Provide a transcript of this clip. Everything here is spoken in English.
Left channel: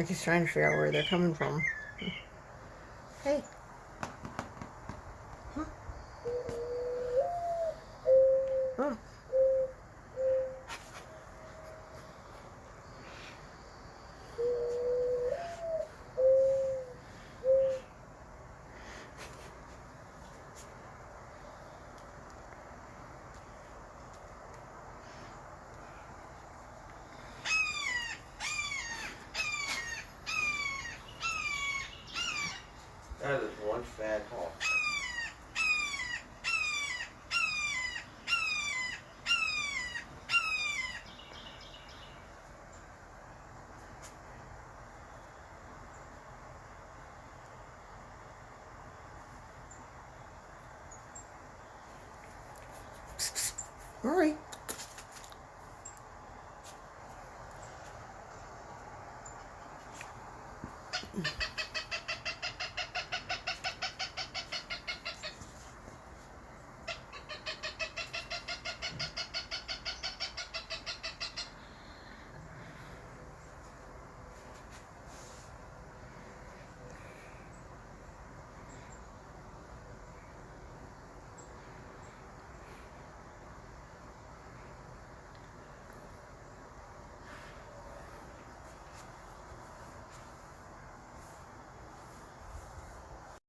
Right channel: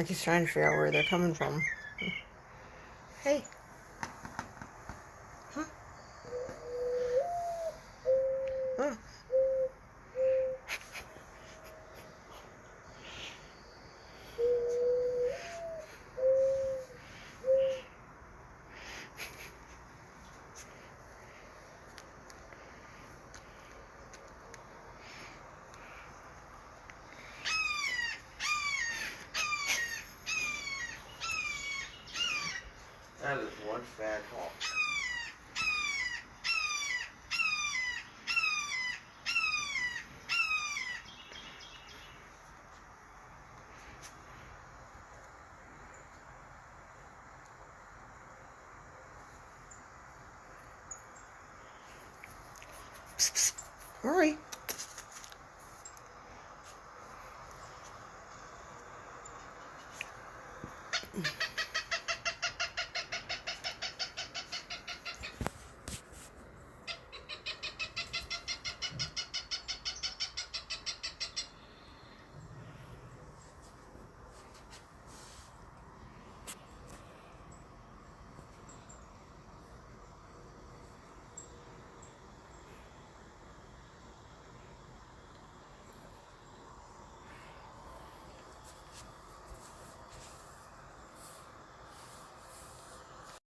Like he's trying to figure out where they're coming from. Hey. Huh? Oh. That is one fat hawk. Psst, psst. Hurry.